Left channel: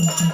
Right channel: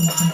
Mm-hmm.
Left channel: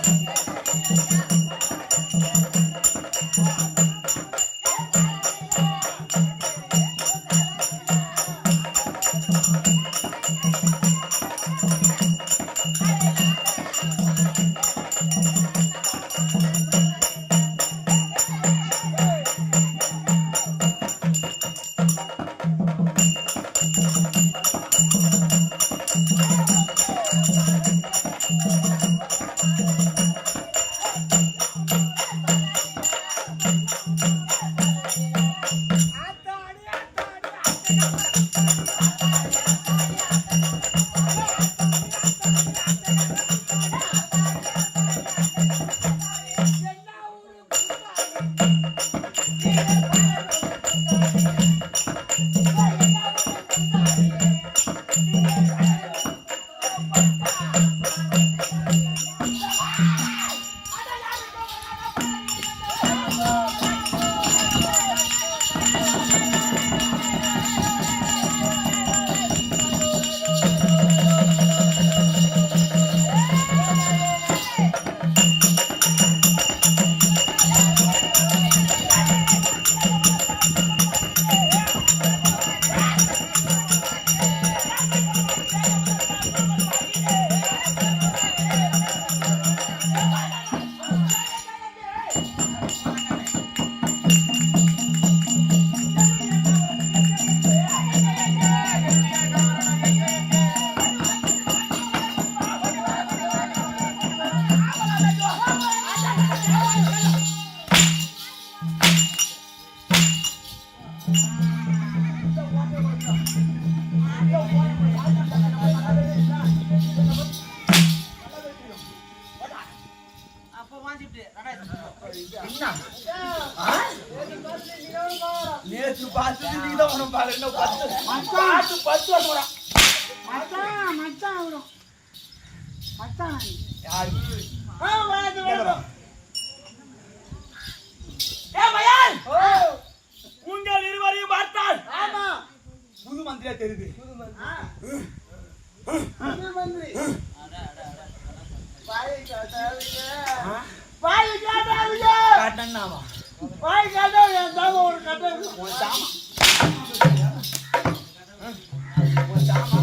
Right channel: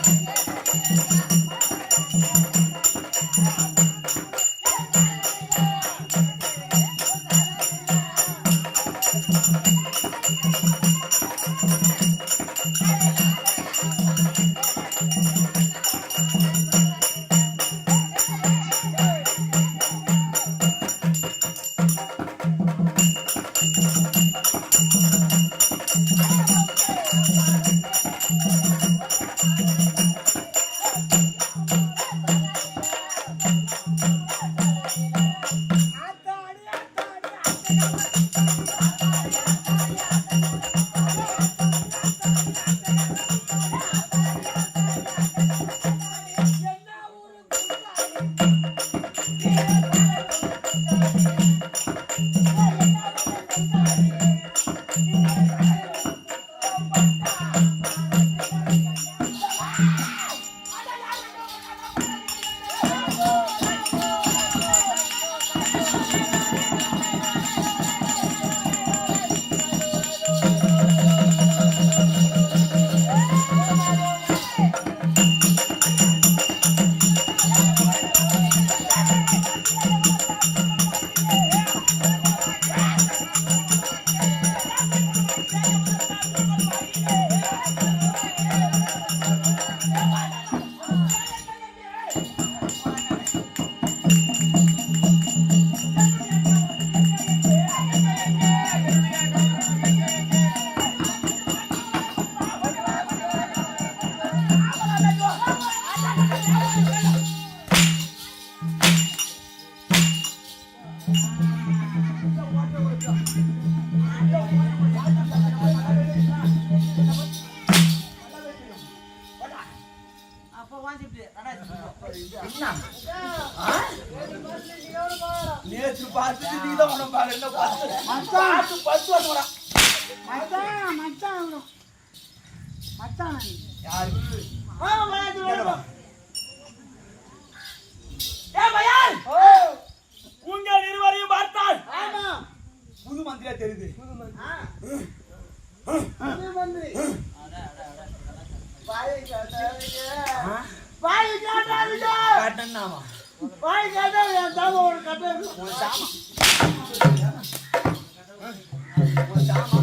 நேற்று பார்த்து நீ தான் உன பாரு என்ன பார்த்து பார்த்து பத்து வருஷம் மச்சான் மச்சான் வரும் மச்சான் யாரு உங்கள் இருவரையும் பார்த்தால் புது மந்திரியா தெரியுது புது மந்திரி கட்டன்னாமா வாய் கேட்டா என் தாம ஒரு கட்டன் உன் தாமா உன் தாமா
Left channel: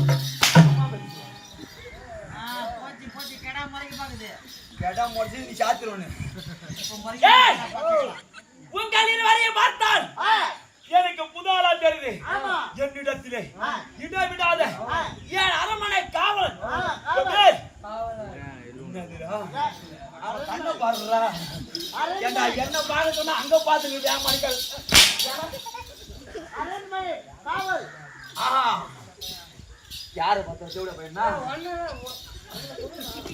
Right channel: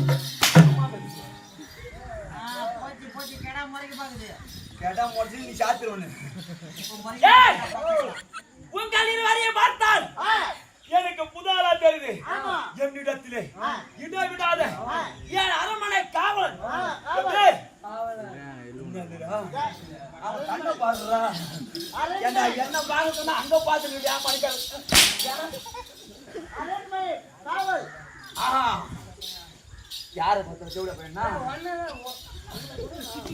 கேட்டா முடிச்சு நீ சாத்துருவனு உன் கல்லீர் வரைய பார்த்தால் எனக்கு புதாலா தெரியுது என்னிடத்திலே இடவிடாத என் அரண்மனை காவலன் என்னதுடா பாடுறா ஏண்டா, என்ன பார்க்க சொன்னா அங்க? அரண்மனை, காவல். ஆஹா. யாரை பார்த்து வச்சு விட ஒண்ணு,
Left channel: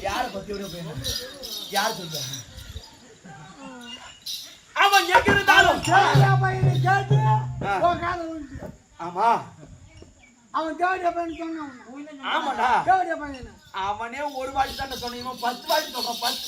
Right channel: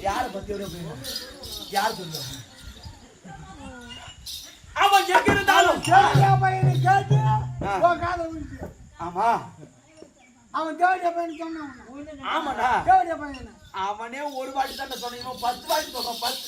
யாரை பத்தி விட போயினா யார் சொல்லுவா அவன் எங்க இருந்தாலும். ஆமா அவன் தேவடியா பையன் சொன்னான் உன்னை. ஆமாடா தேவடியா பையனா? அவனே ஒரு வாட்டி தானே சொன்னீங்க பத்து வாட்டி சொல்றான் பத்து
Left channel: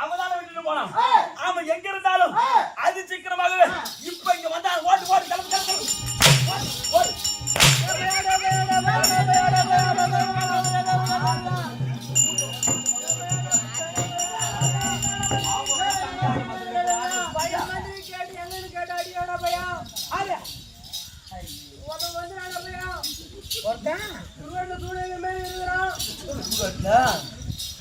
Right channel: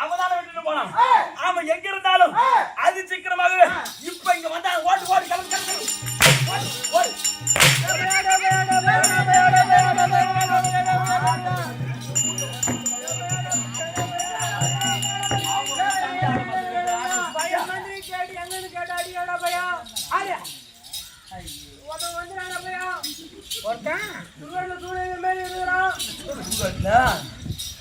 அவனால விட்டுட்டு போனான் அவன் எங்க இருந்தாலும் அது சீக்கிரமாகவே இப்ப இங்க வந்தா ஓட்டு ஓட்டு கிளம்பு கிளம்பு ஒருத்தன் துருவாட்டில் தூணை மேலே இருக்கிறான்.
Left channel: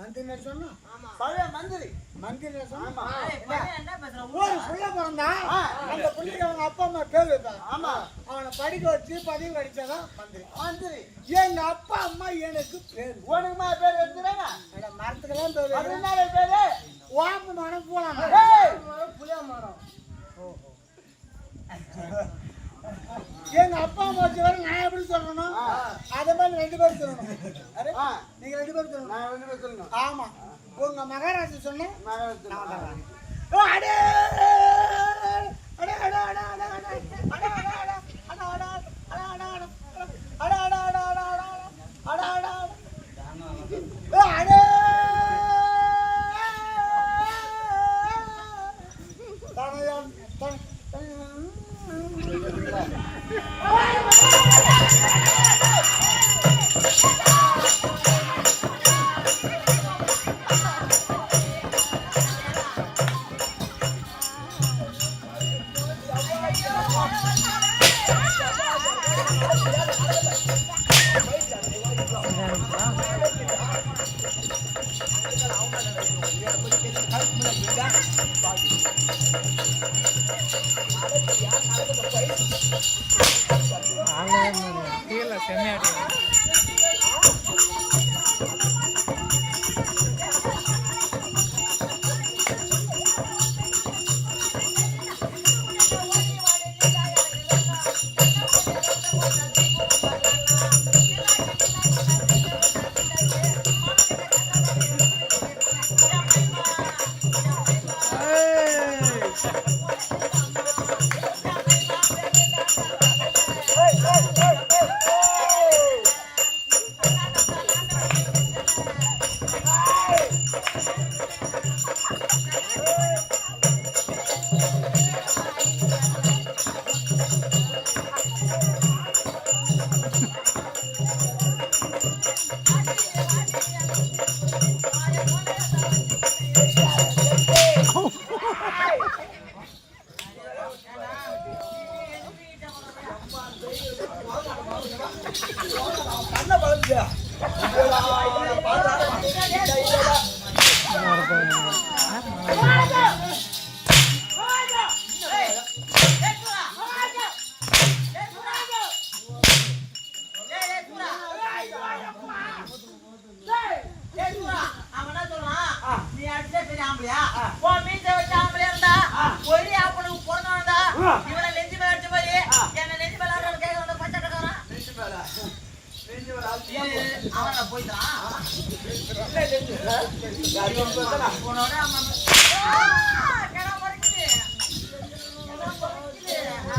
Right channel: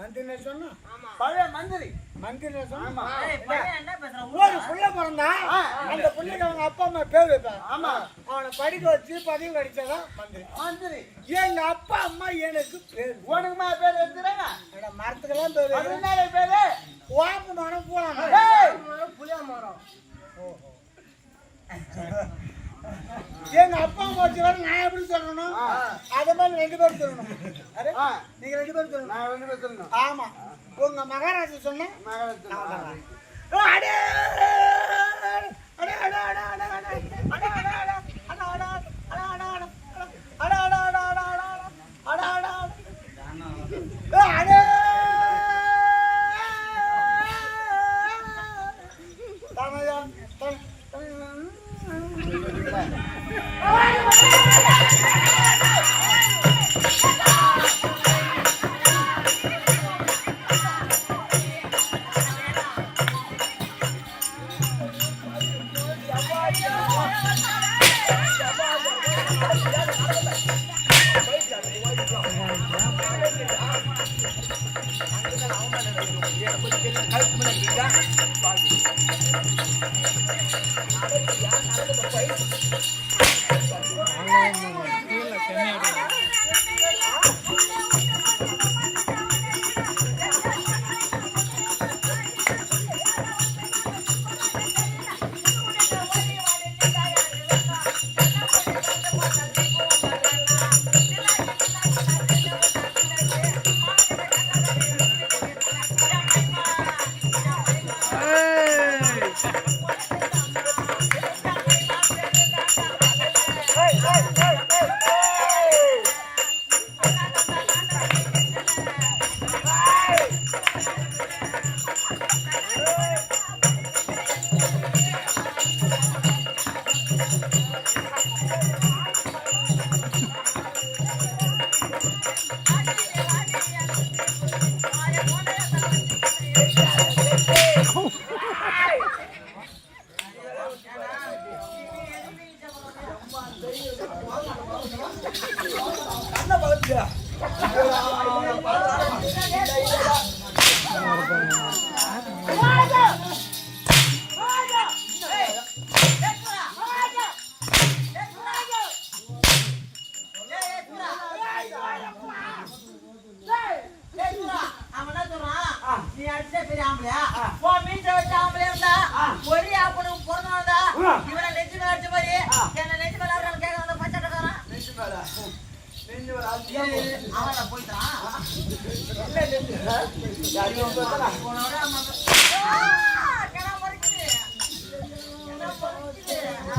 மந்திரி சொன்னா? பழைய மந்திரி. மந்திரி சொன்னா? ஒரு புள்ள பிறந்தா அந்த பிள்ளைக்கு அவங்க அப்பா அம்மா பேர் வைப்பாங்க ஆமா. அவனை படிக்க வச்சு பதிவு கிடைச்சதான் மந்திரி. மந்திரி. எங்க அப்பா அம்மா எனக்கு பேர். உனக்குமா பேர் வச்சுறாங்க மரத்துக்கெல்லாம் பேர். அதனால பேரு. வாப்பு மரம் போலாம் புளியா மரம் ஓஹோ. எங்க அப்பா அம்மா வச்சு நான் எப்படி சொல்லணும் அதே மாதிரி ரெண்டு பேரும் சொல்லணும் நீங்க ரெண்டு பேரும் சொல்லணும் நான் ரெண்டு பேரும் சொல்லணும் ஆமா உங்க மகாராஜா சொன்னேன் மகாராஜா அடே அடே அடே அடே அடே அடே அடே அவன் கழுத்து மேலே பாதி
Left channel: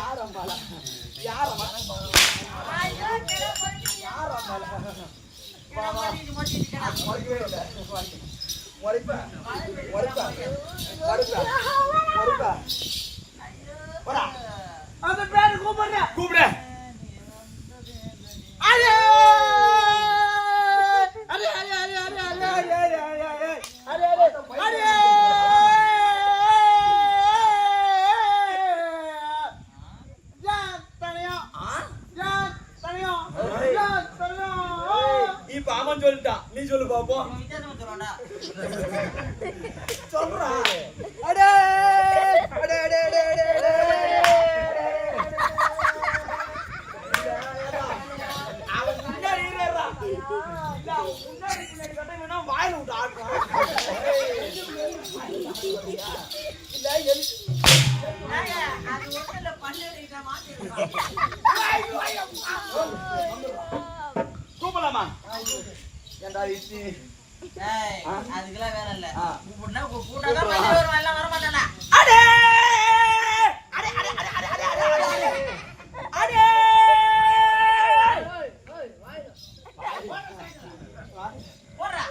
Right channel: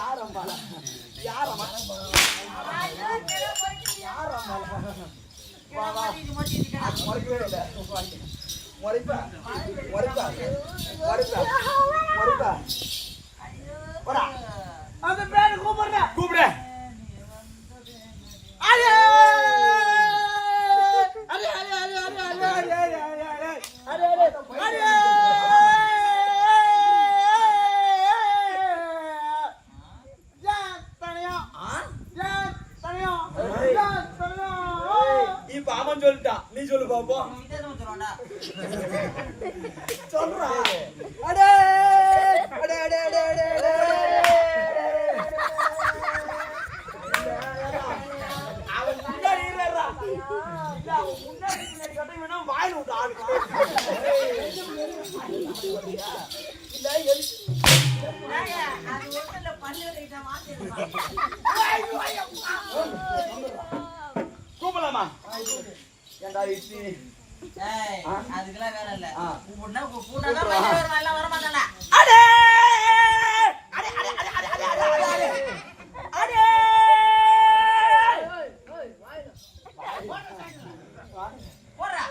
யார் அம்பாலா யார் அம்மா யார் அம்பாலா வா வா முறைக்கவே இல்லை முறைப்பா முறைப்பா முறைப்பா முறைப்பா வரா அந்த பேரு கூப்பிடுற கூப்பிடு அரே அரே அரே அரே அரே அரே அரே அரே அரே அரே நீ சொல்லு பாப்போம் சொல்றா. அடே ஏண்டா இட்லி? அதுக்கெல்லாம் வேலை இல்லை. கூப்பிட்டா கூப்பிட்டா எல்லாம் வர மாட்டானா அடே! அடே அடே அடே அடே அடே அடே அடே அடே. போடுறா.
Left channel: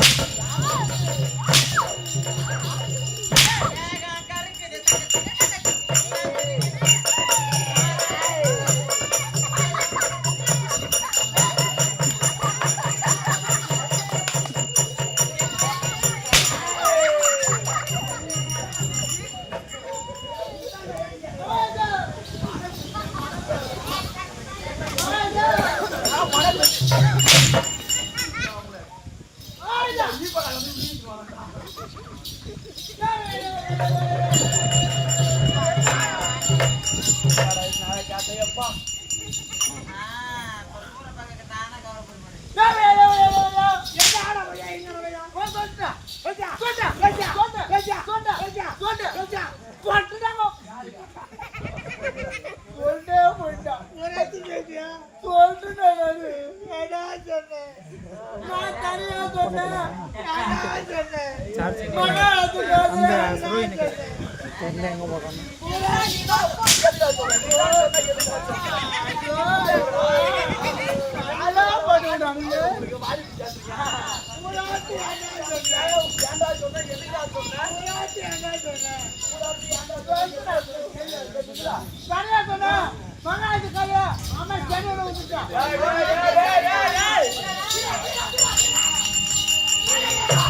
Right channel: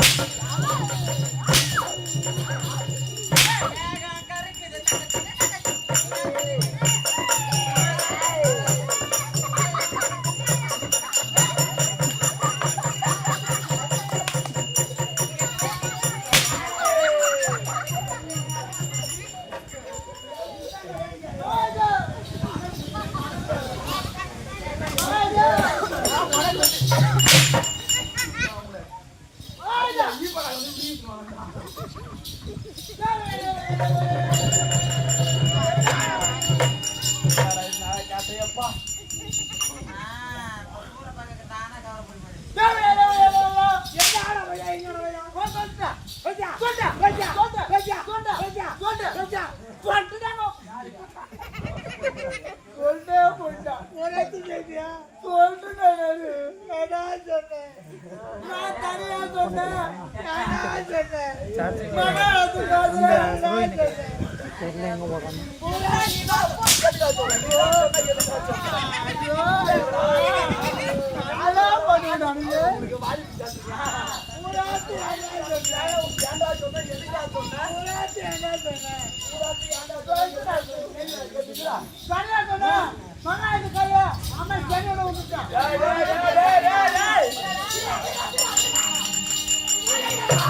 Yeah. Yeah.